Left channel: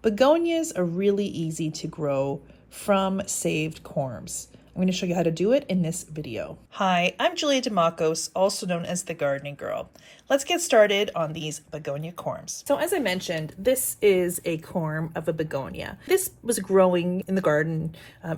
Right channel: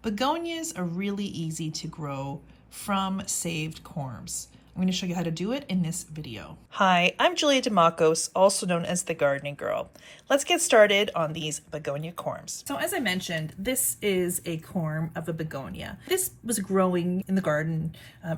Begonias are really easy to grow from saved corms. I'm going to show you how to do it in this video. Hi, I'm Julia DeMacos, also known as the Gardening Girl. Let's get started on these begonia corms. So as I mentioned, this is a corm of a begonia. This was growing in the garden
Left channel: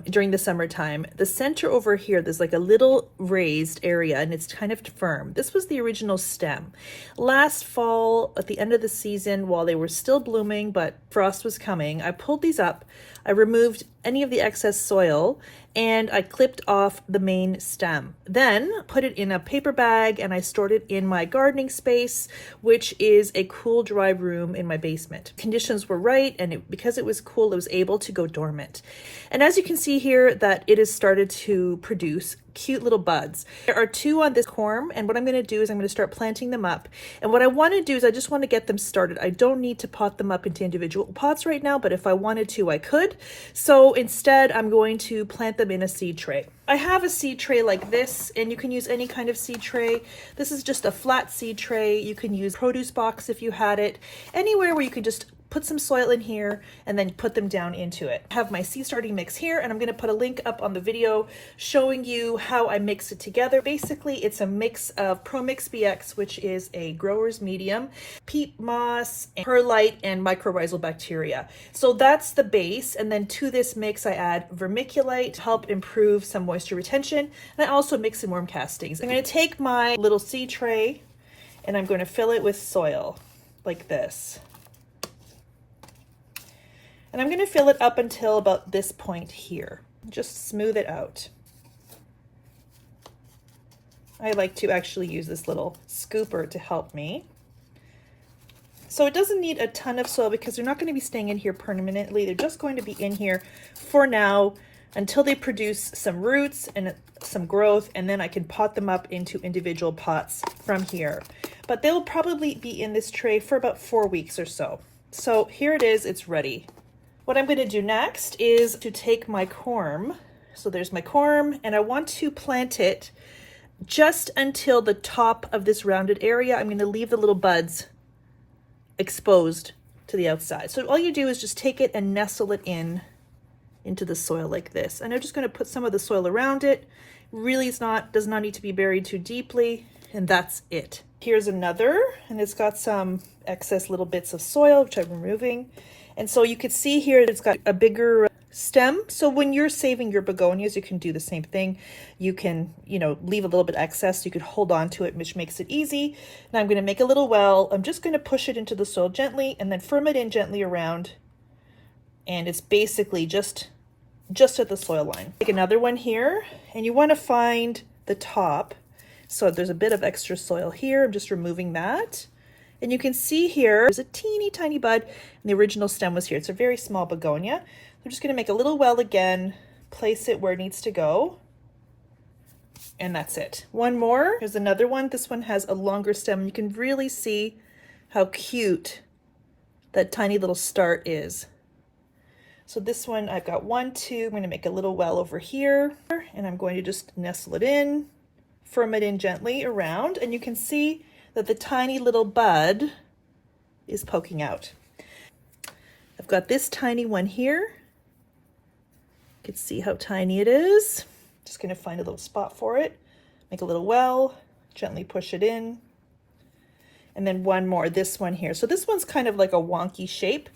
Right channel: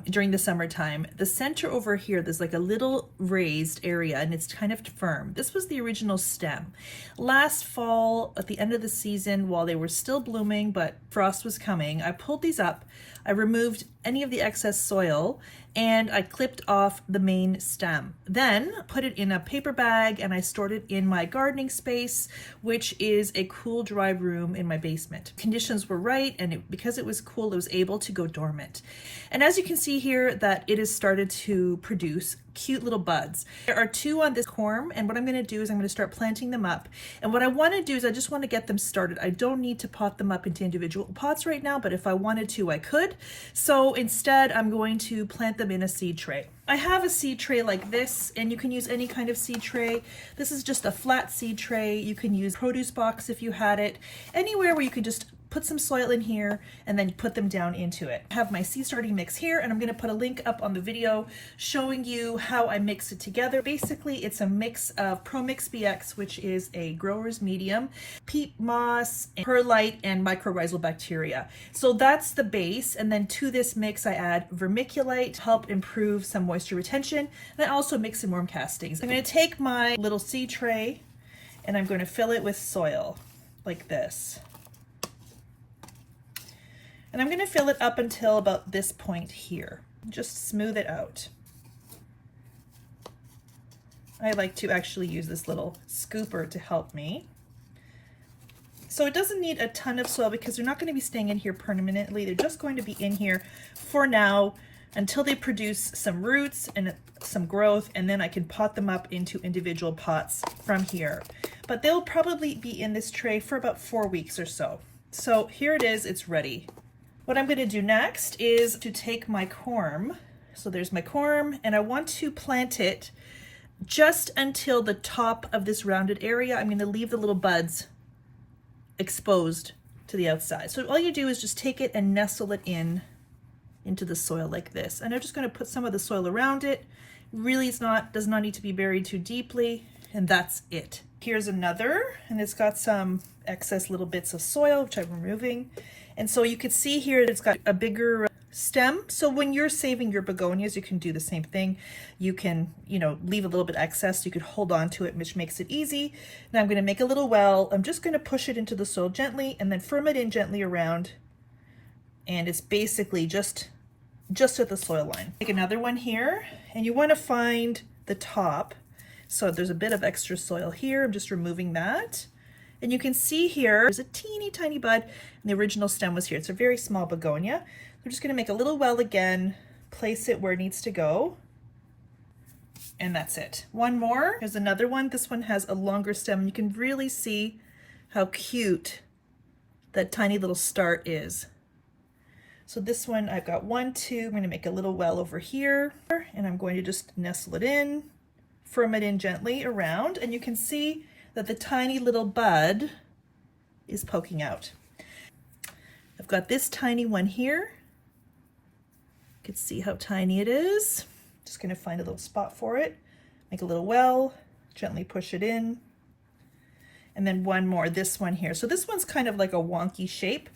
during the summertime. The center over here, there's like a little raised area and it's kind of firm. This was the original stem. Last fall, at the end of the season, while they were still blooming, but frost was coming, I pulled these up. I removed any of the excess soil and I clipped off the main stem. Then put it in a paper bag and I stored it in my gardening space, which is a cool, dry room in my basement. Conditions were right, and because it was cool, it was able to go dormant. And as you can see here, that it has started to produce cute little buds. There are two on this corm, and what I'm going to do is I'm going to start planting them up. And what I want to do is I just want to get them started. I don't need to pot them up into individual pots right now, but if I wanted to, I could. So instead, I'm going to plant them in a seed tray. I have a seed tray like this, and you can use any kind of seed tray. This is just a flat seed tray. You can use produce box if you had it. Anywhere where you can just put some soil in here and then put them down into it. I have my seed starting mix here, and I'm going to put a link up on the video showing you how I mix it together. Basically, it's a mix of ProMix BX, which is a grower's medium, peat moss, and perlite, and mycorrhizal bacteria. So that's the base, and then to this mix I add vermiculite to help improve some moisture retention, and I also mix in worm castings. I'm going to take my little seed tray and I'm going to fill it with soil like this. And I'm going to fill it up until about this point here. Just smooth it out. I like to actually use this little scooper to help me. So it doesn't need a ton of soil because they're not going to be staying in here permanently. They're just going to be in here for now until they produce some roots and some growth, and then I can pot them up into individual pots from here. But they'll probably be in this tray for about 4 weeks or so. So here it is, it's ready. What I'm going to do next is to take my corm. So there's my corm, and I want to plant it just until the top of this rounded area. I'm going to leave the little buds exposed to the outside. So all you do is just take it and nestle it into the soil like this. And I'm just going to put some of the soil around it. Really does not need to be buried too deeply, and that's it. Here's another, and it's got some excess little bits of soil, which I'm removing. And so you can see here it's got a bigger stem. So when you're saving your begonias, you can do the same thing. You can, leave a little bit excess. You could hold on to it, which makes it easy. Now I'm going to make a little well. I'm just going to push it into the soil gently and then firm it in gently around. And it's basically just at the soil line. Take another one here, and you want to find the top. So there's a bit of extra soil here. I'm just removing that. And you can see here, there's a teeny tiny bud, and the original stem was here. It's a very small begonia. I'm just going to make a little well again, place it where it needs to go, and that's it. One more. Here's another one. This one has a longer stem. You can really see how cute that tiny little start is. So this one, I've got 1, 2. I'm going to make a little well over here, and I'm going to just nestle it in, firm it in gently around, and you can see that the tiny little bud is poking out. I've got this tiny one here. You can see how tiny it is. Just going to find a little spot for it, make a little well, gently push it in. And then one more, this one here. So this one's kind of like a wonky shape.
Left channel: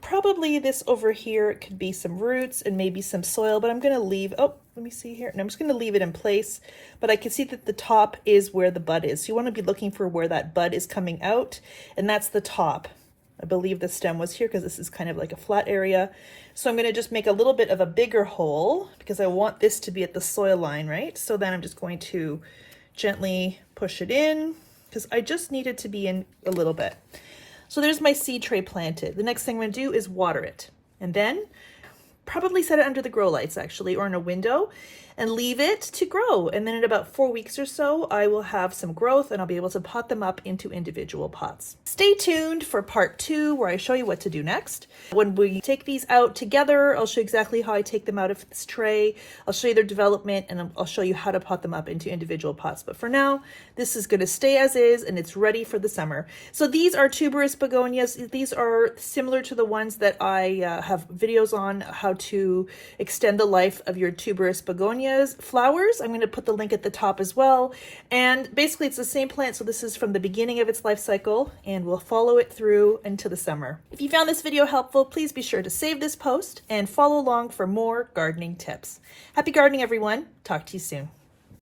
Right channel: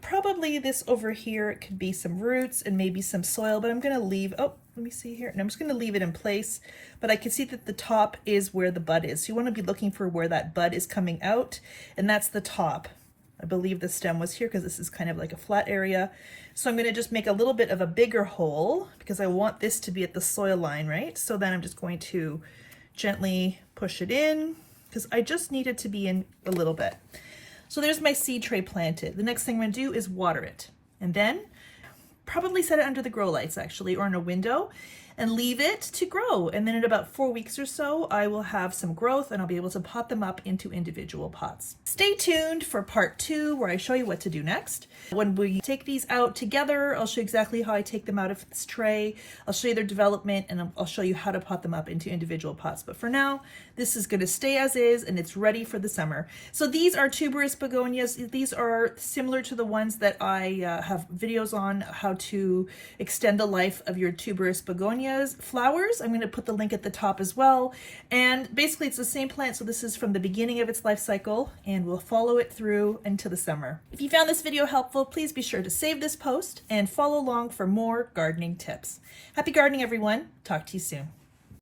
Probably this over here could be some roots and maybe some soil, but I'm going to leave, let me see here. And I'm just going to leave it in place, but I can see that the top is where the bud is. So you want to be looking for where that bud is coming out, and that's the top. I believe the stem was here because this is kind of like a flat area. So I'm going to just make a little bit of a bigger hole because I want this to be at the soil line, right? So then I'm just going to gently push it in because I just need it to be in a little bit. So there's my seed tray planted. The next thing I'm going to do is water it, and then probably set it under the grow lights actually, or in a window. and leave it to grow. And then in about 4 weeks or so, I will have some growth and I'll be able to pot them up into individual pots. Stay tuned for part 2 where I show you what to do next. When we take these out together, I'll show you exactly how I take them out of this tray. I'll show you their development and I'll show you how to pot them up into individual pots. But for now, this is going to stay as is and it's ready for the summer. So these are tuberous begonias. These are similar to the ones that I have videos on how to extend the life of your tuberous begonias flowers. I'm going to put the link at the top as well. And basically it's the same plant. So this is from the beginning of its life cycle and we'll follow it through into the summer. If you found this video helpful, please be sure to save this post and follow along for more gardening tips. Happy gardening, everyone. Talk to you soon.